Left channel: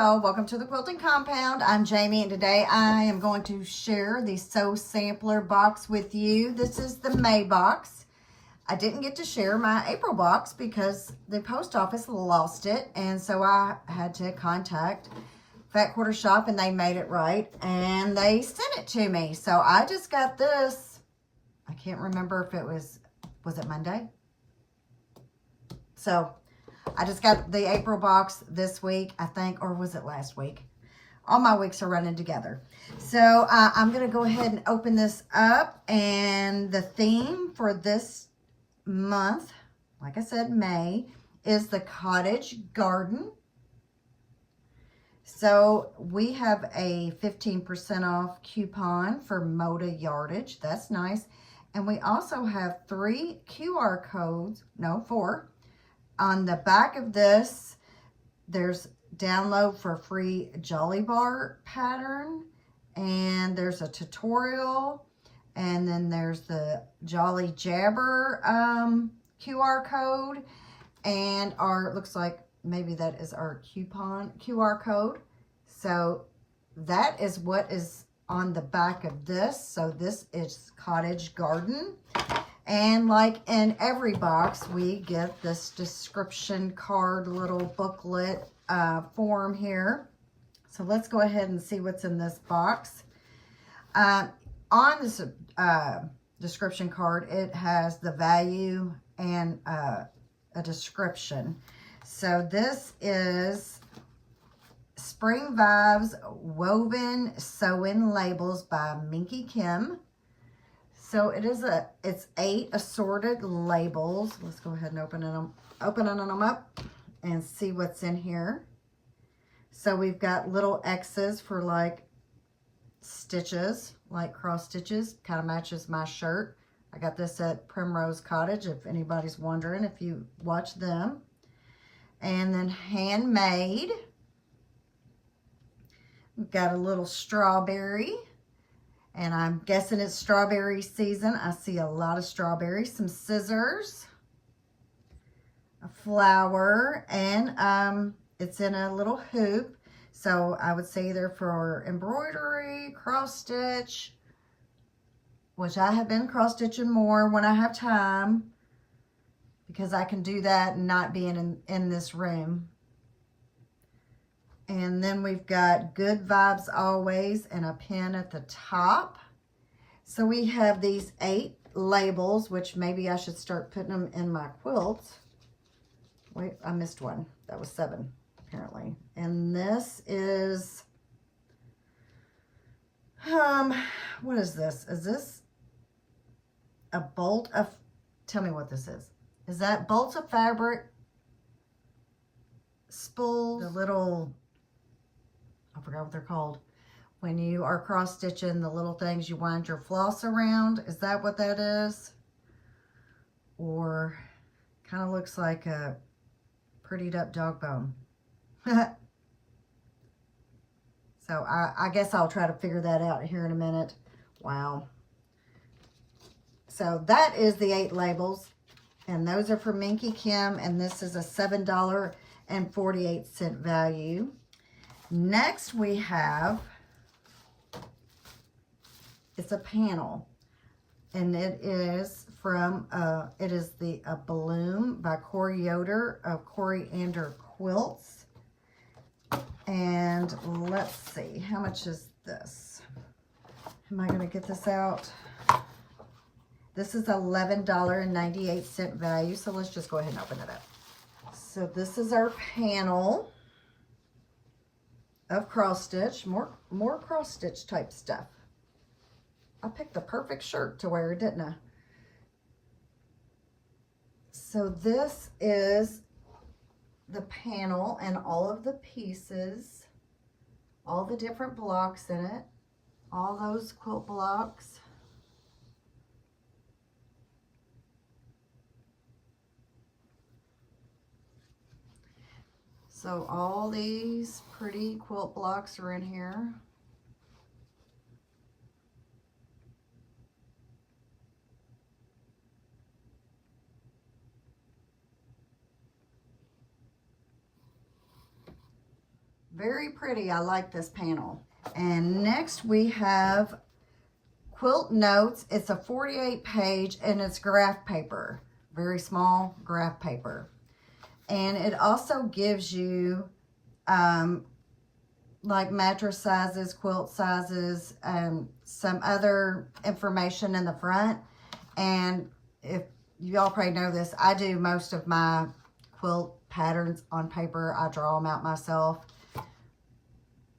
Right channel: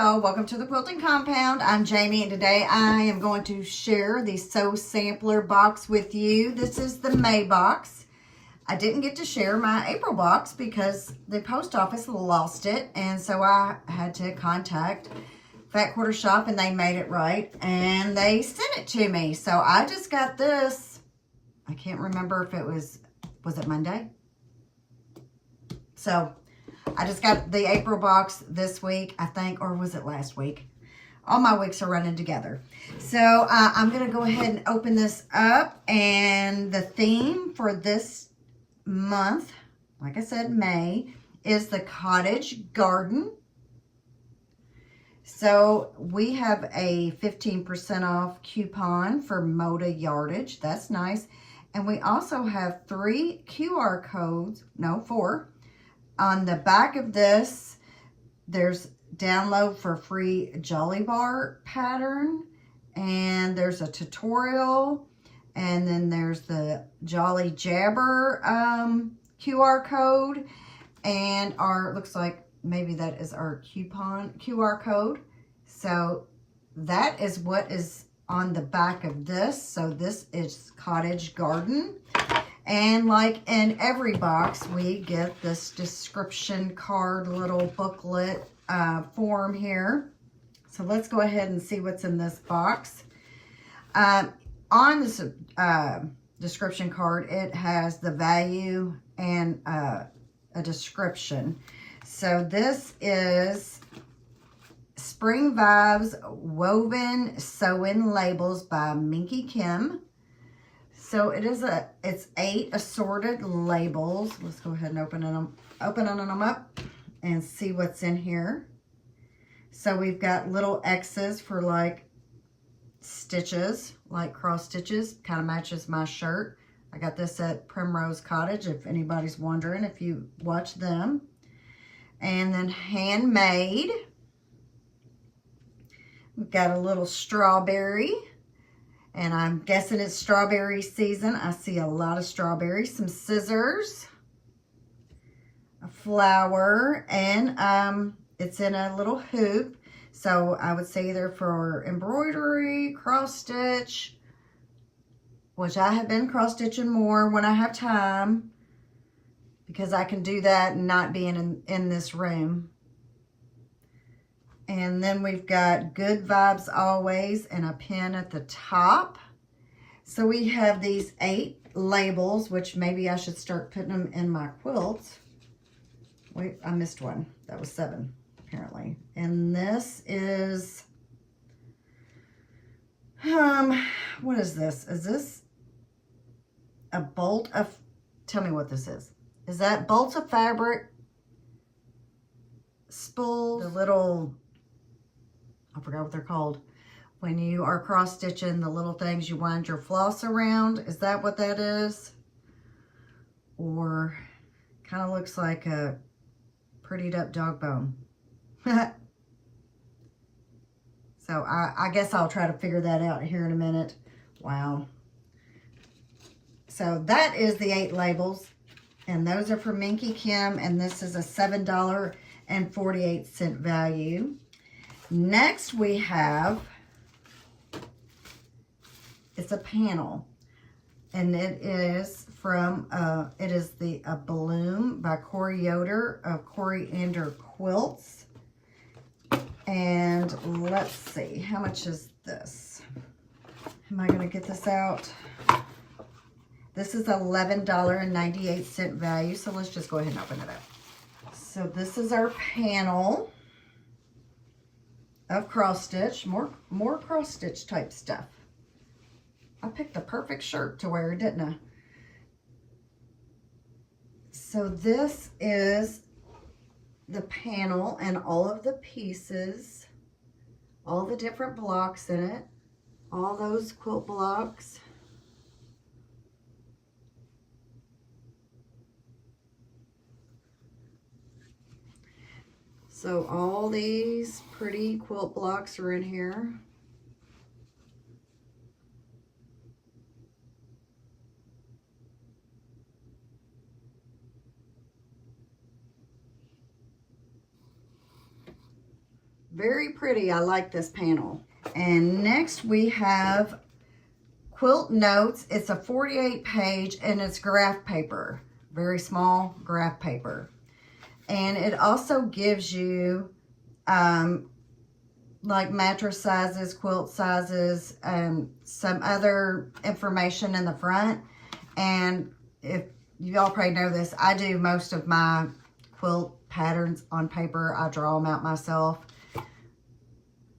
y'all, welcome to the Quilting Compound. I'm Jamie and today I am going to share the Sew Sampler box with you. This is the May box. I didn't get to share my April box because the post office lost it, and so I had to contact Fat Quarter Shop and they made it right and they sent it to me. So I just got this. I can't remember if it was it Monday? So I just got the April box this week, I think, or was it last week? All my weeks are running together. So I'm going to go ahead and open this up. And the theme for this month, like I said, May, is the cottage garden. So we have a 15% off coupon for Moda yardage. That's nice. And we also have 4 on the back of this. There's download for free Jolly Bar pattern, and there's a tutorial, and then there's the Jolly Jabber QR code, and our, looks like maybe that is our coupon QR code. So that is what is on the back of this. So this is cottage garden. And like in every box, we get this description card, little booklet form here. So let's go ahead and see what's in this box. On this description card, it has the value and a description. So this is Spring Vibes Woven Sew-In Labels by Minky Kim. So it's 8 assorted labels. Let's go ahead and open them up and see what's in here. So we've got little X's for like stitches, like cross stitches, kind of matches my shirt. I got this at Primrose Cottage, if anybody's wondering, if you watch them. And then handmade. We've got a little strawberry. And I'm guessing it's strawberry season. I see a lot of strawberries, some scissors, a flower, and it's in a little hoop. So I would say either for embroidery, cross stitch, which I have been cross stitching more when I have time, because I can do that and not being in this room. And then we've got Good Vibes Always and a pin at the top. So we have these 8 labels, which maybe I should start putting them in my quilts. Wait, I missed one. That was 7, apparently. And this is, what is this? Is this a bolt of, tell me what this is. Is that bolts of fabric, spools, the little, I forgot what they're called. When you are cross stitching the little things you wind your floss around. Is that what that is? Or kind of looks like a prettied up dog bone. So I guess I'll try to figure that out here in a minute. Wow. So that is the 8 labels. And those are for Minky Kim. And this is a $7.48 value. Next we have, it's a panel, and it is from, it is the A Bloom by Corey Yoder of Coriander Quilts. And let's see, how much is this? Am I going to get this out? This is $11.98 value, so let's just go ahead and open it up. So this is our panel of cross stitch, more cross stitch type stuff. I picked the perfect shirt to wear, didn't I? So this is the panel and all of the pieces, all the different blocks in it, all those quilt blocks. So all these pretty quilt blocks are in here. Very pretty. I like this panel. And next we have Quilt Notes. It's a 48 page and it's graph paper. Very small graph paper. And it also gives you like mattress sizes, quilt sizes, some other information in the front. And if you all probably know this, I do most of my quilt patterns on paper. I draw them out myself.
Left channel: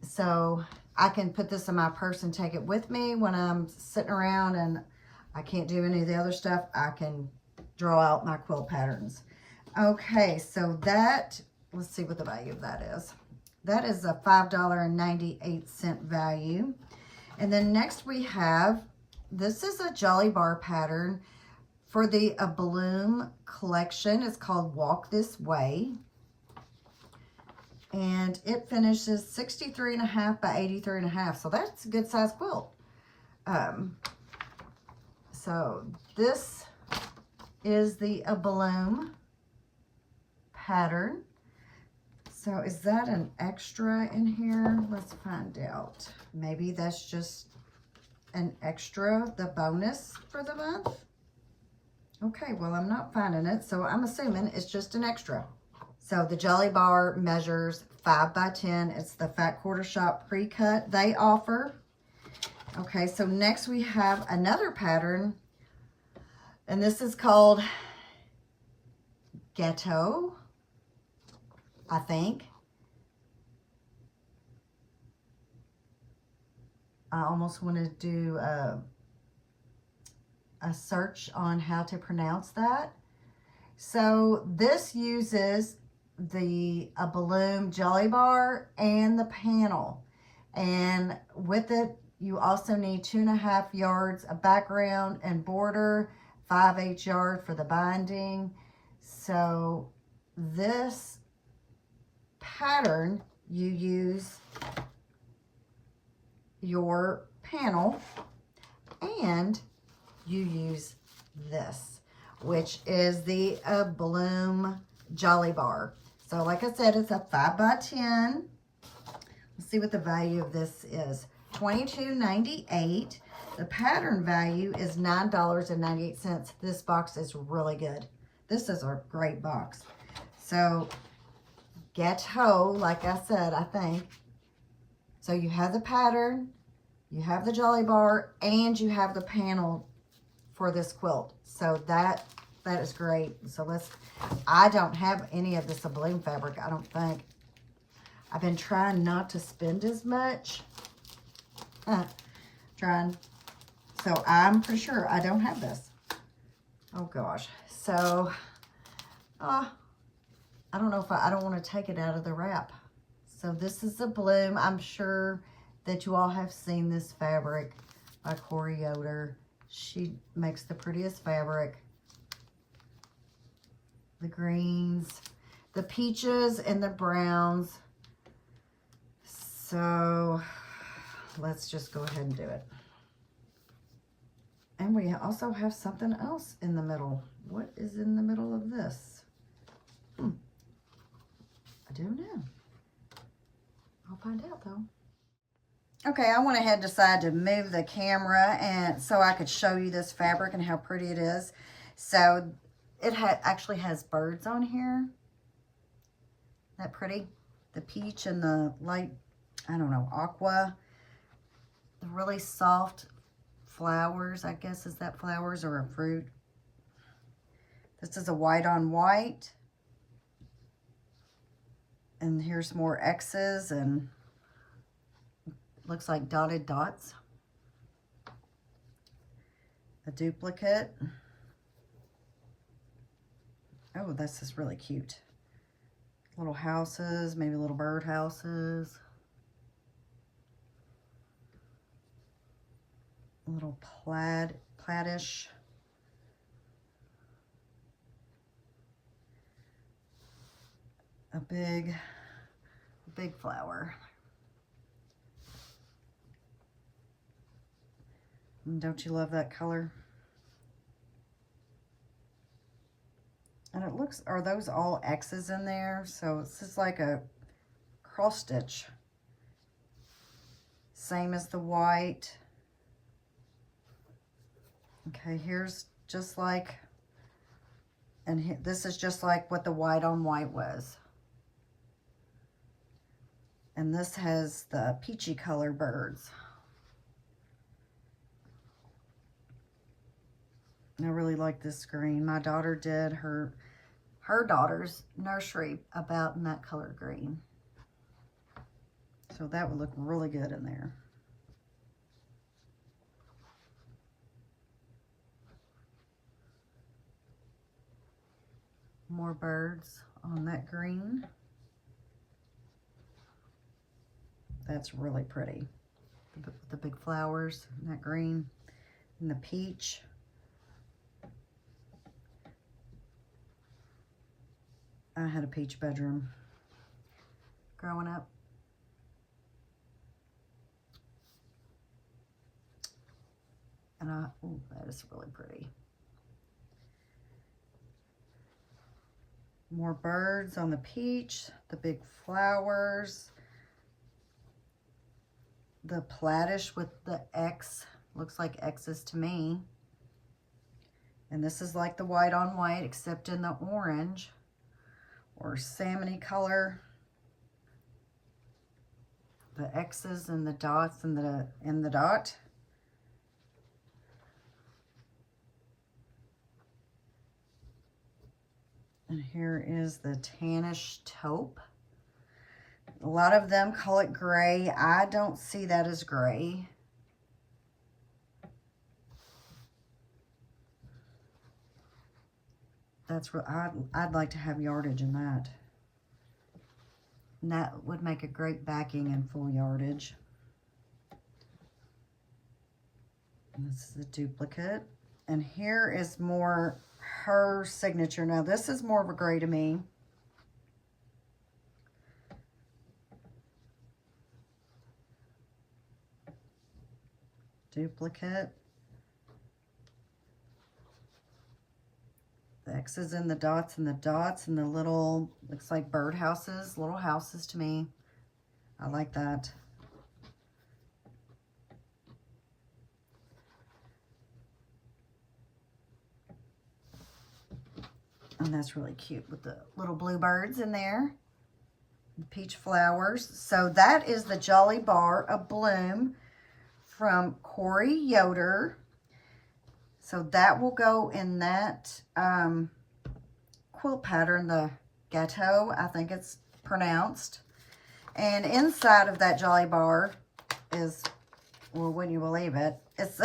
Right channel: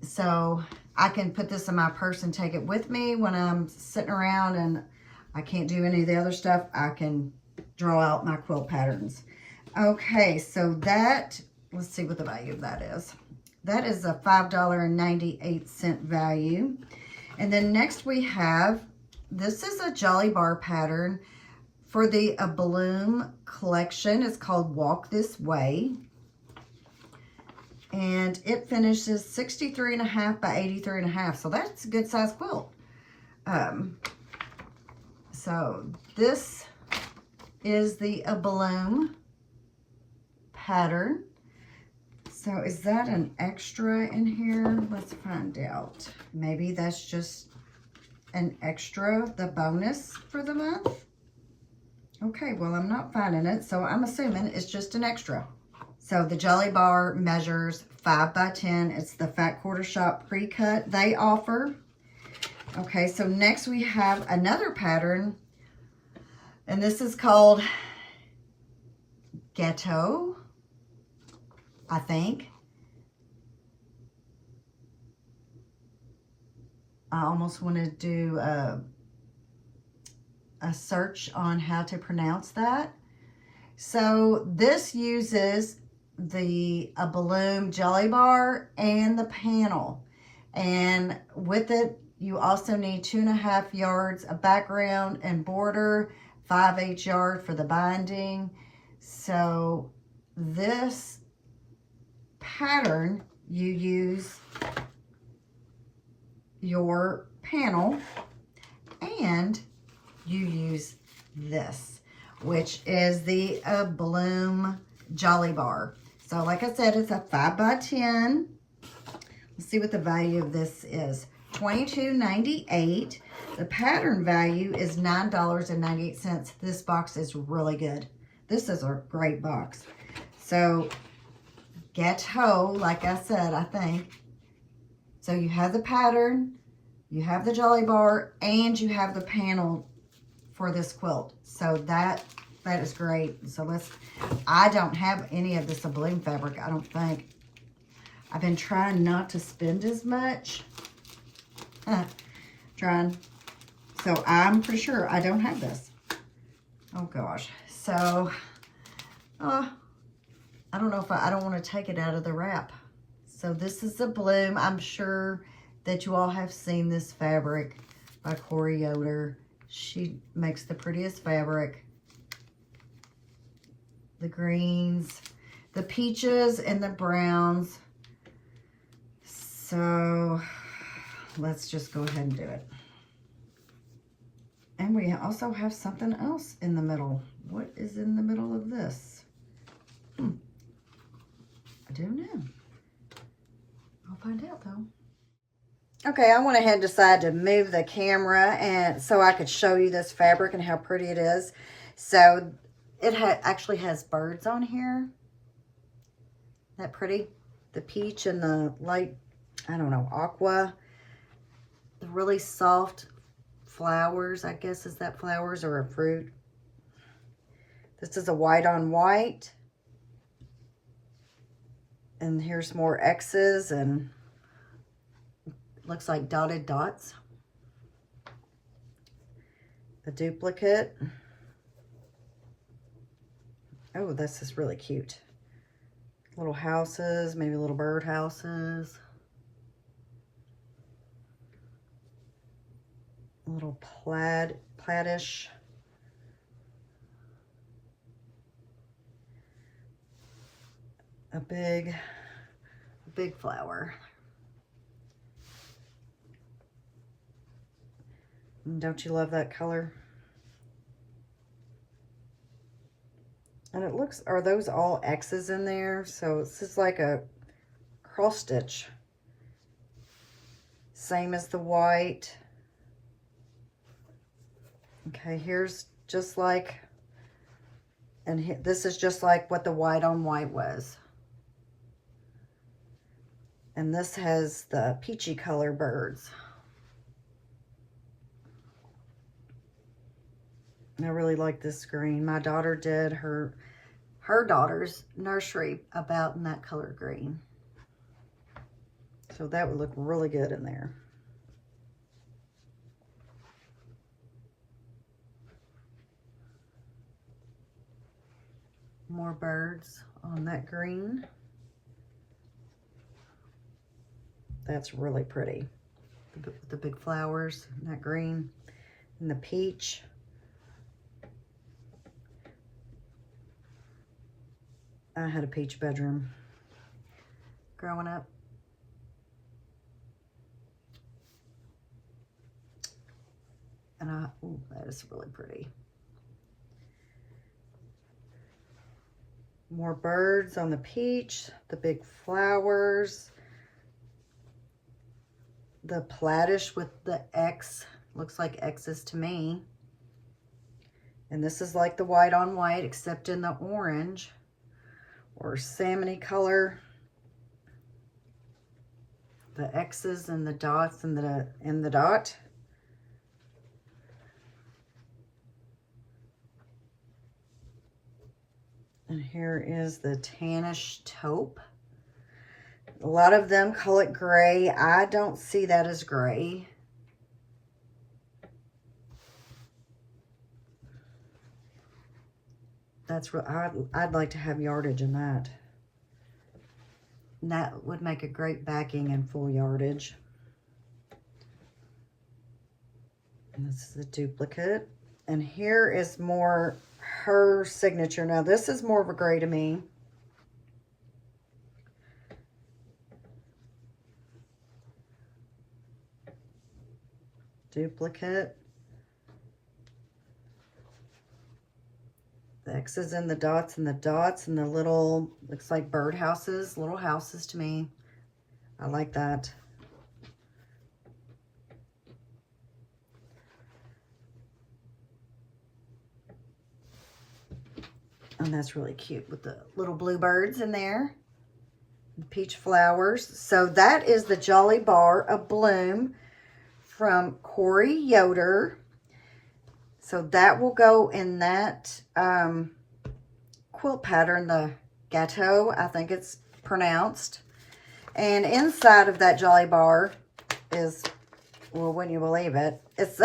So I can put this in my purse and take it with me when I'm sitting around and I can't do any of the other stuff. I can draw out my quilt patterns. Okay, so that, let's see what the value of that is. That is a $5.98 value. And then next we have, this is a Jolly Bar pattern for the A Bloom collection. It's called Walk This Way. And it finishes 63.5 by 83.5. So that's a good size quilt. So this is the A Bloom pattern. So is that an extra in here? Let's find out. Maybe that's just an extra, the bonus for the month. Okay, well, I'm not finding it, so I'm assuming it's just an extra. So the Jolly Bar measures 5 by 10. It's the Fat Quarter Shop pre-cut they offer. Okay, so next we have another pattern, and this is called Ghetto, I think. I almost want to do a search on how to pronounce that. So this uses the A Bloom Jolly Bar and the panel. And with it, you also need 2.5 yards of background and border, 5/8 yard for the binding. So this pattern, you use your panel and you use this, which is the A Bloom Jolly Bar. So like I said, it's a 5 by 10. Let's see what the value of this is. $22.98. The pattern value is $9.98. This box is really good. This is a great box. So Ghetto, like I said, I think. So you have the pattern, you have the Jolly Bar, and you have the panel for this quilt. So that is great. So I don't have any of this A Bloom fabric, I don't think. I've been trying not to spend as much. Trying. So I'm pretty sure I don't have this. Oh gosh. So, I don't know if I don't want to take it out of the wrap. So this is A Bloom. I'm sure that you all have seen this fabric by Corey Yoder. She makes the prettiest fabric. The greens, the peaches, and the browns. So let's just go ahead and do it. And we also have something else in the middle. What is in the middle of this? I don't know. I'll find out though. Okay, I went ahead and decided to move the camera and so I could show you this fabric and how pretty it is. So it actually has birds on here. Isn't that pretty? The peach and the light, I don't know, aqua. The really soft flowers, I guess, is that flowers or a fruit? This is a white on white. And here's more X's and looks like dotted dots. A duplicate. Oh, this is really cute. Little houses, maybe little bird houses. A little plaidish. A big flower. And don't you love that color? And it looks, are those all X's in there? So it's just like a cross stitch. Same as the white. Okay, here's just like, and this is just like what the white on white was. And this has the peachy color birds. I really like this green. My daughter did her daughter's nursery about in that color green. So that would look really good in there. More birds on that green. That's really pretty. The big flowers and that green and the peach. I had a peach bedroom growing up. And ooh, that is really pretty. More birds on the peach, the big flowers, the plaidish with the X, looks like X's to me. And this is like the white on white, except in the orange or salmony color. The X's and the dots and the dot. And here is the tannish taupe. A lot of them call it gray. I don't see that as gray. That's what I'd like to have yardage in that. And that would make a great backing and full yardage. And this is a duplicate. And here is more her signature. Now this is more of a gray to me. Duplicate. The X's and the dots and the little, looks like bird houses, little houses to me. I like that. And that's really cute with the little bluebirds in there. The peach flowers. So that is the Jolly Bar of Bloom from Corey Yoder. So that will go in that quilt pattern, the Gâteau, I think it's pronounced. And inside of that Jolly Bar is, well, wouldn't you believe it, it's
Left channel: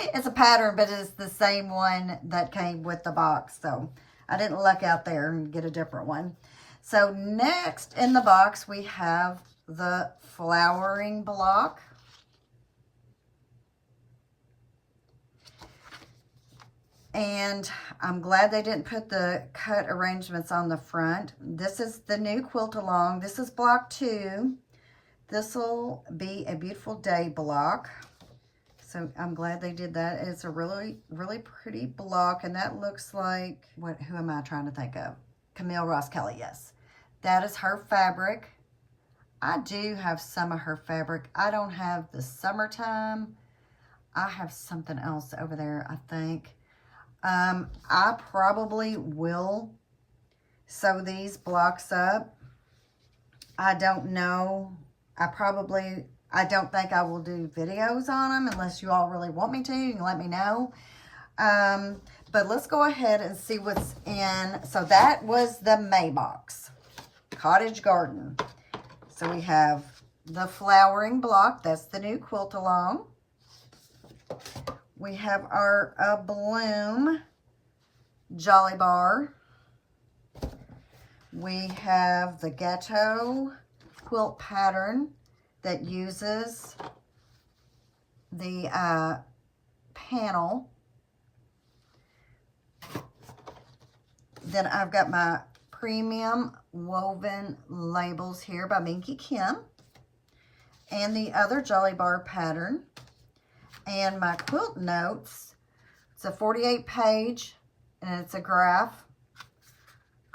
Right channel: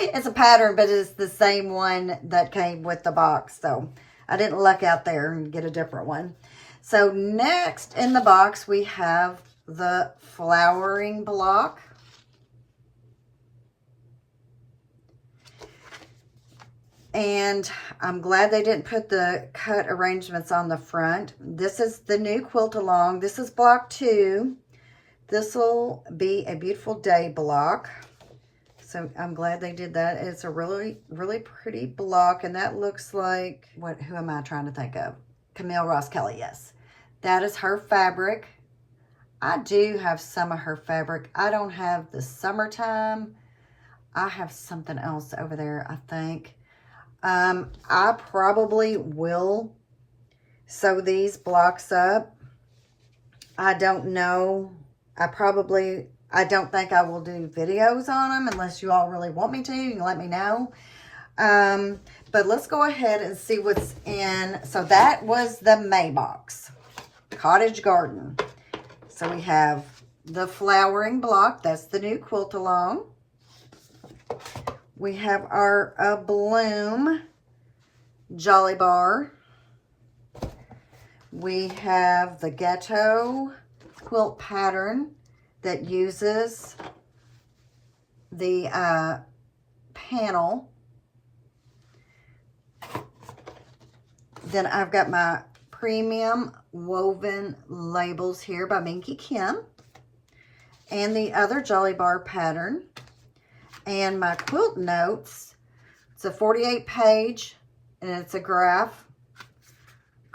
it's a pattern, but it's the same one that came with the box. So I didn't luck out there and get a different one. So next in the box, we have the flowering block. And I'm glad they didn't put the cut arrangements on the front. This is the new quilt along. This is block 2. This will be a beautiful day block. So I'm glad they did that. It's a really, really pretty block. And that looks like, who am I trying to think of? Camille Ross Kelly, yes. That is her fabric. I do have some of her fabric. I don't have the summertime. I have something else over there, I think. I probably will sew these blocks up. I don't know. I don't think I will do videos on them unless you all really want me to. You can let me know. But let's go ahead and see what's in. So that was the May box, Cottage Garden. So we have the flowering block. That's the new quilt along. We have our Bloom Jolly Bar. We have the Gâteau quilt pattern that uses the panel. Then I've got my premium woven labels here by Minky Kim. And the other Jolly Bar pattern. And my quilt notes, it's a 48 page and it's a graph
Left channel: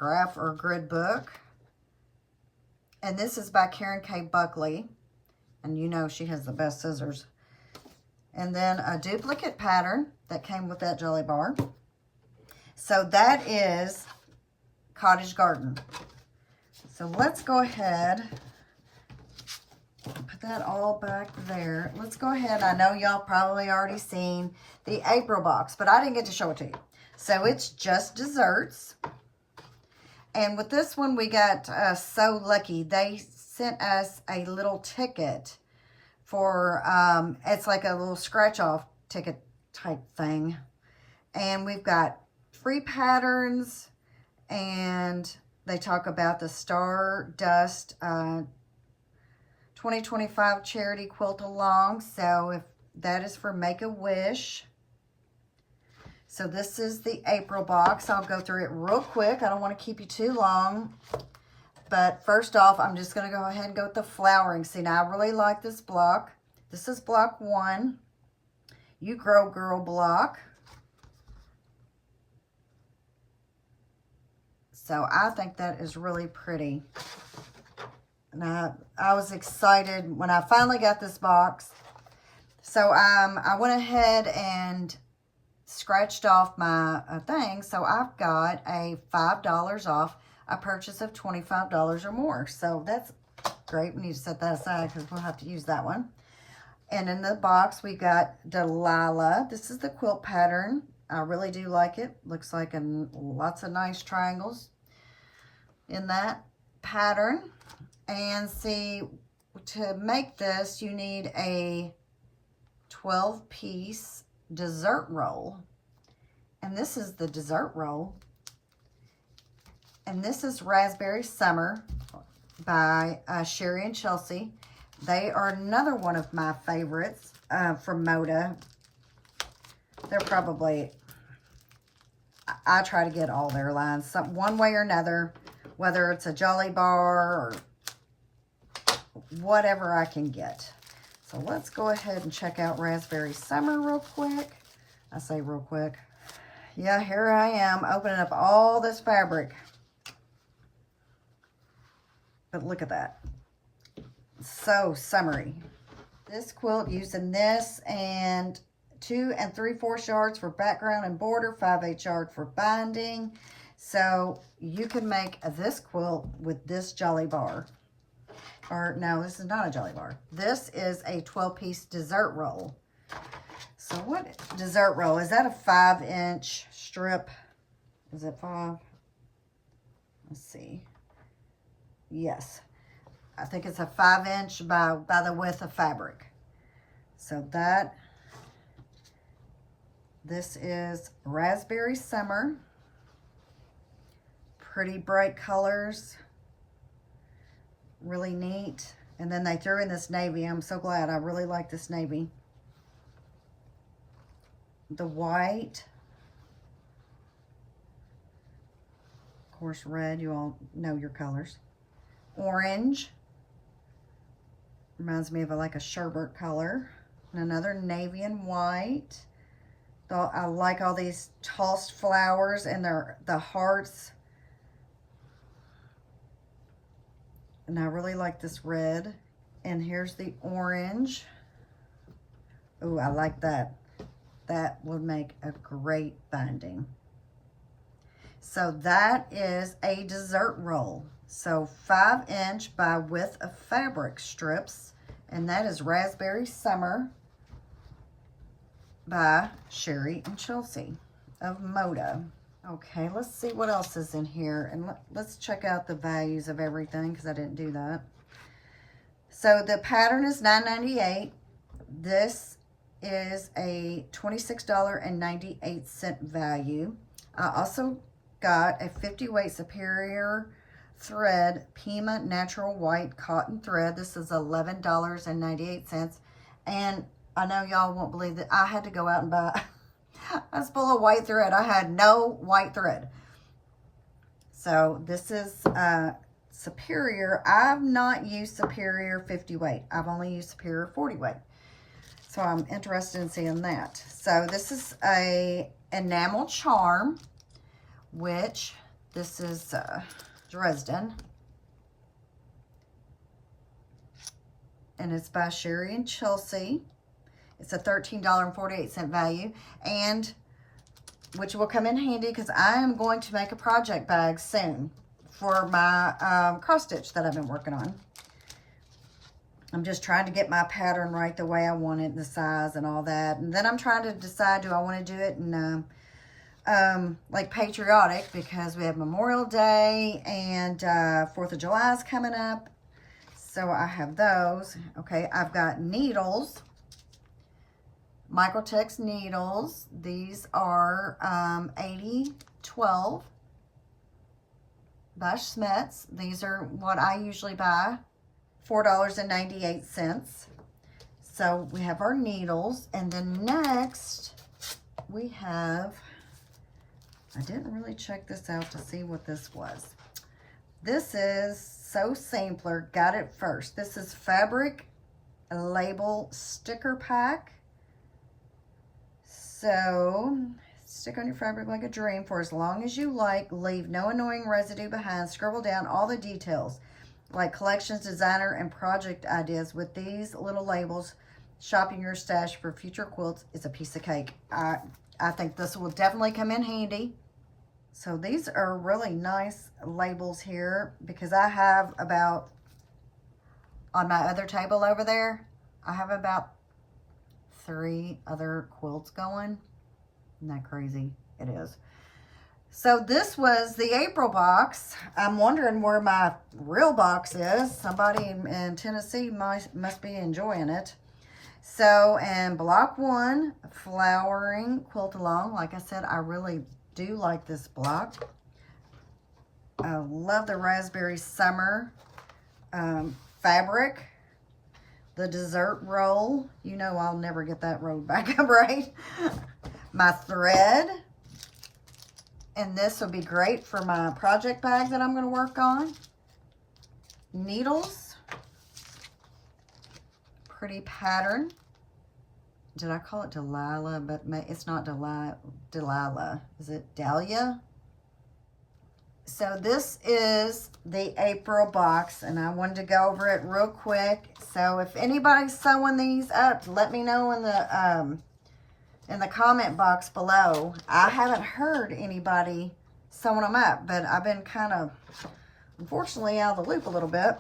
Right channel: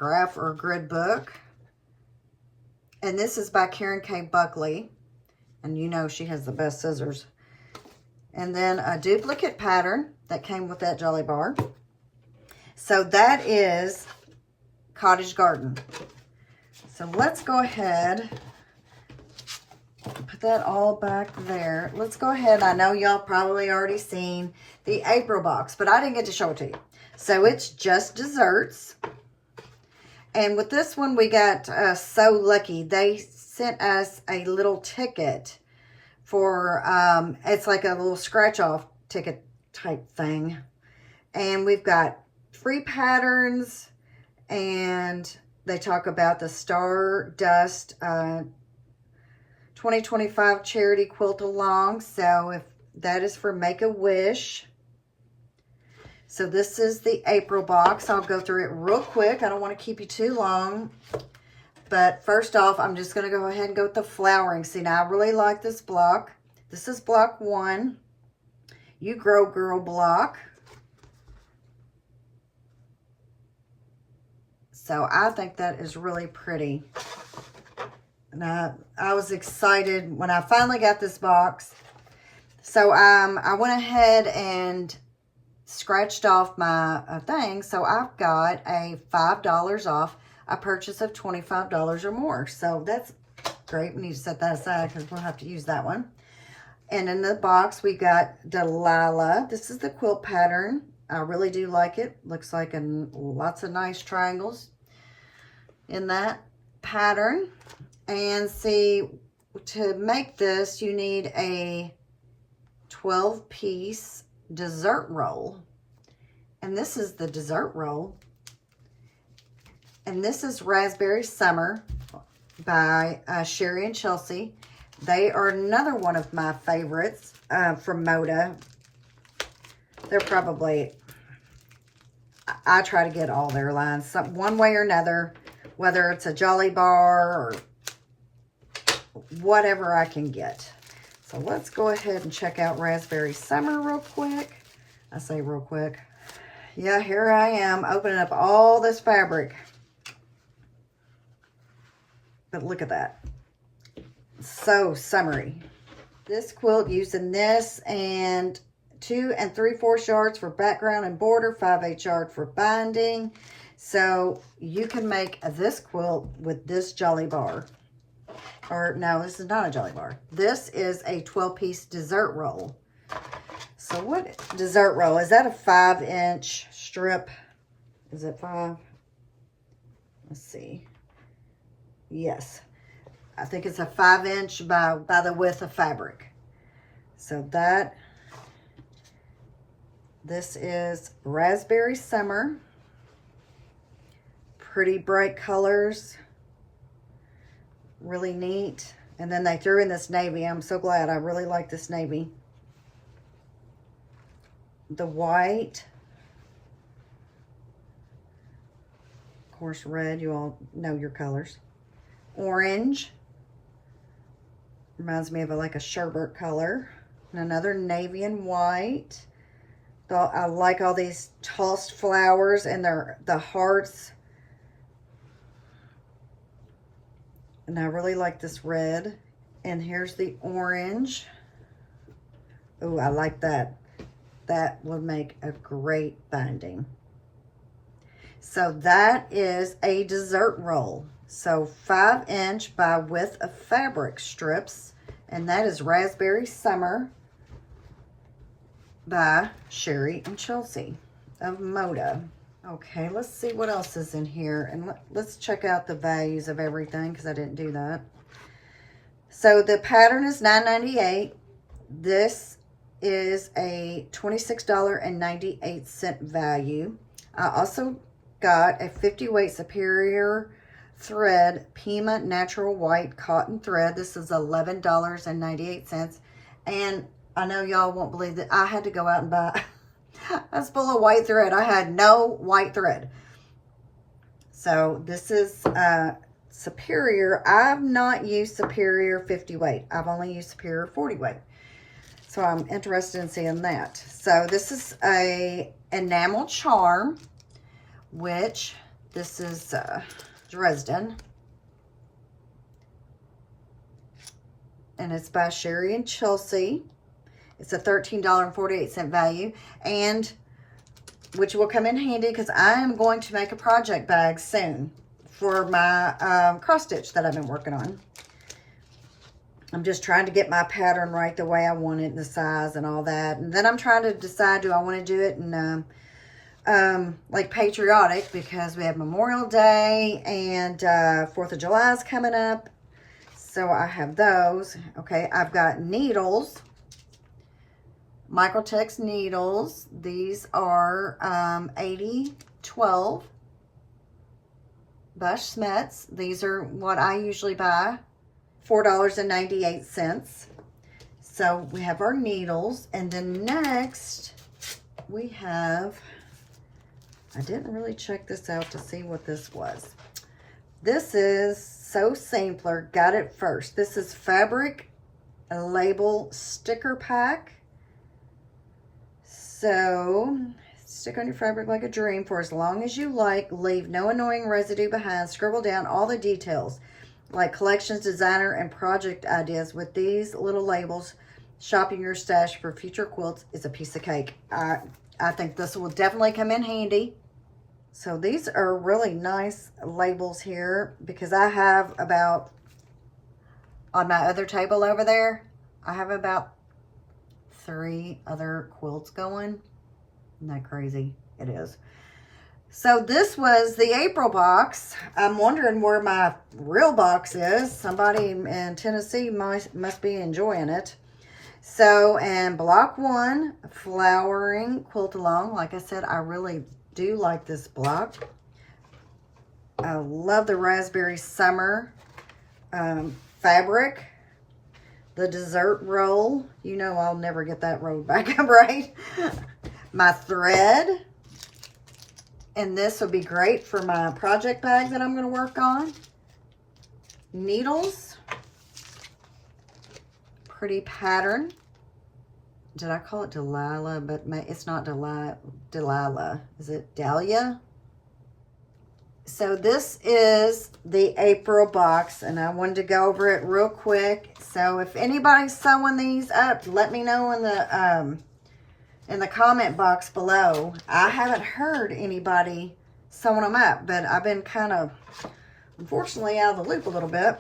or grid book. And this is by Karen K. Buckley. And you know she has the best scissors. And then a duplicate pattern that came with that jelly bar. So that is Cottage Garden. So let's go ahead, put that all back there. Let's go ahead. I know y'all probably already seen the April box, but I didn't get to show it to you. So it's just desserts. And with this one, we got so lucky. They sent us a little ticket for, it's like a little scratch-off ticket type thing. And we've got free patterns, and they talk about the Stardust 2025 charity quilt along. So if that is for Make-A-Wish. So this is the April box. I'll go through it real quick. I don't want to keep you too long. But first off, I'm just going to go ahead and go with the flowering. See, now I really like this block. This is block 1. You Grow Girl block. So I think that is really pretty. And I was excited when I finally got this box. So I went ahead and scratched off my thing. So I've got a $5 off a purchase of $25 or more. So that's great. We need to set that aside because we'll have to use that one. And in the box, we got Delilah. This is the quilt pattern. I really do like it. Looks like lots of nice triangles in that pattern. And see, to make this, you need a 12-piece dessert roll. And this is the dessert roll. And this is Raspberry Summer by Sherry and Chelsea. They are another one of my favorites from Moda. They're probably, I try to get all their lines one way or another, whether it's a Jolly Bar or whatever I can get. So let's go ahead and check out Raspberry Summer real quick. I say real quick. Yeah, here I am opening up all this fabric. But look at that. So summery. This quilt using this and 2 3/4 yards for background and border, 5/8 yard for binding. So you can make this quilt with this Jolly Bar. Or no, this is not a Jolly Bar. This is a 12-piece dessert roll. So what dessert roll? Is that a 5-inch strip? Is it 5? Let's see. Yes. I think it's a 5-inch by the width of fabric. So this is Raspberry Summer. Pretty bright colors. Really neat. And then they threw in this navy. I'm so glad. I really like this navy. The white. Of course, red. You all know your colors. Orange. Reminds me of like a sherbet color. And another navy and white. I like all these tossed flowers and the hearts. And I really like this red. And here's the orange. Oh, I like that. That would make a great binding. So that is a dessert roll. So 5-inch by width of fabric strips. And that is Raspberry Summer by Sherry and Chelsea of Moda. Okay, let's see what else is in here. And let's check out the values of everything because I didn't do that. So the pattern is $9.98. This is a $26.98 value. I also got a 50-weight Superior thread Pima Natural White Cotton thread. This is $11.98. And I know y'all won't believe that I had to go out and buy a spool of white thread. I had no white thread. So this is Superior. I've not used Superior 50 weight. I've only used Superior 40 weight. So I'm interested in seeing that. So this is a enamel charm, which this is Dresden. and it's by Sherry and Chelsea. It's a $13.48 value, and which will come in handy because I am going to make a project bag soon for my cross stitch that I've been working on. I'm just trying to get my pattern right the way I want it, and the size and all that. And then I'm trying to decide, do I want to do it in like patriotic, because we have Memorial Day and 4th of July is coming up. So I have those. Okay, I've got needles. Microtex needles. These are 8012 by Schmetz. These are what I usually buy, $4.98. So we have our needles, and then next we have, I didn't really check this out to see what this was. This is So Sampler, got it first. This is fabric label sticker pack. So, stick on your fabric like a dream for as long as you like. Leave no annoying residue behind. Scribble down all the details, like collections, designer, and project ideas with these little labels. Shopping your stash for future quilts is a piece of cake. I think this will definitely come in handy. So these are really nice labels here, because I have about, on my other table over there, I have about 3 other quilts going. Isn't that crazy? It is. So this was the April box. I'm wondering where my real box is. Somebody in Tennessee must be enjoying it. So, and block 1, flowering quilt along. Like I said, I really do like this block. I love the raspberry summer fabric. The dessert roll, you know I'll never get that rolled back up right. My thread, and this will be great for my project bag that I'm going to work on. Needles, pretty pattern. Did I call it Delilah? But it's not Delilah. Is it Dahlia? So this is the April box, and I wanted to go over it real quick. So if anybody's sewing these up, let me know in the comment box below. I haven't heard anybody sewing them up, but I've been kind of, unfortunately, out of the loop a little bit.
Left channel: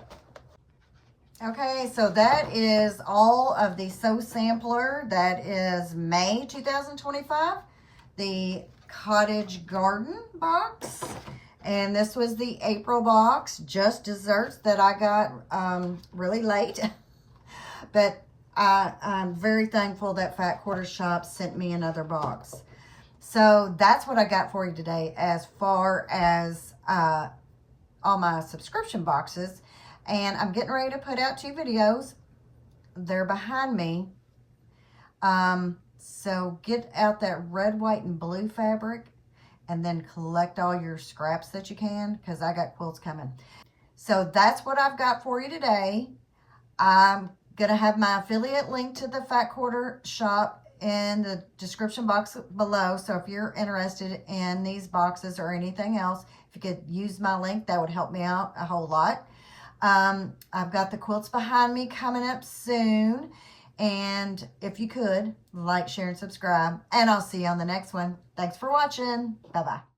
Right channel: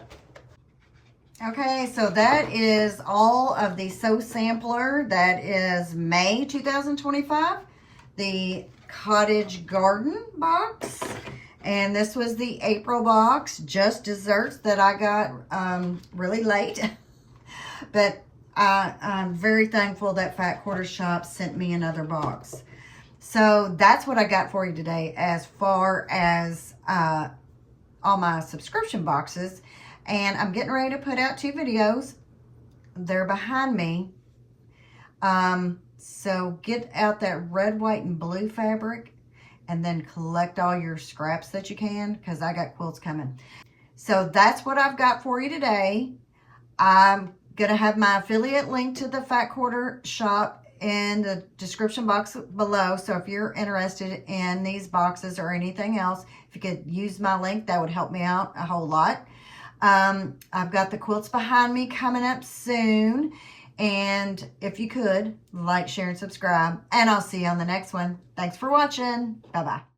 Okay, so that is all of the Sew Sampler. That is May 2025. The Cottage Garden box. And this was the April box, just desserts that I got really late. But I'm very thankful that Fat Quarter Shop sent me another box. So that's what I got for you today as far as all my subscription boxes. And I'm getting ready to put out 2 videos. They're behind me. So get out that red, white, and blue fabric, and then collect all your scraps that you can, because I got quilts coming. So that's what I've got for you today. I'm going to have my affiliate link to the Fat Quarter Shop in the description box below. So if you're interested in these boxes or anything else, if you could use my link, that would help me out a whole lot. I've got the quilts behind me coming up soon. And if you could, like, share, and subscribe. And I'll see you on the next one. Thanks for watching. Bye-bye.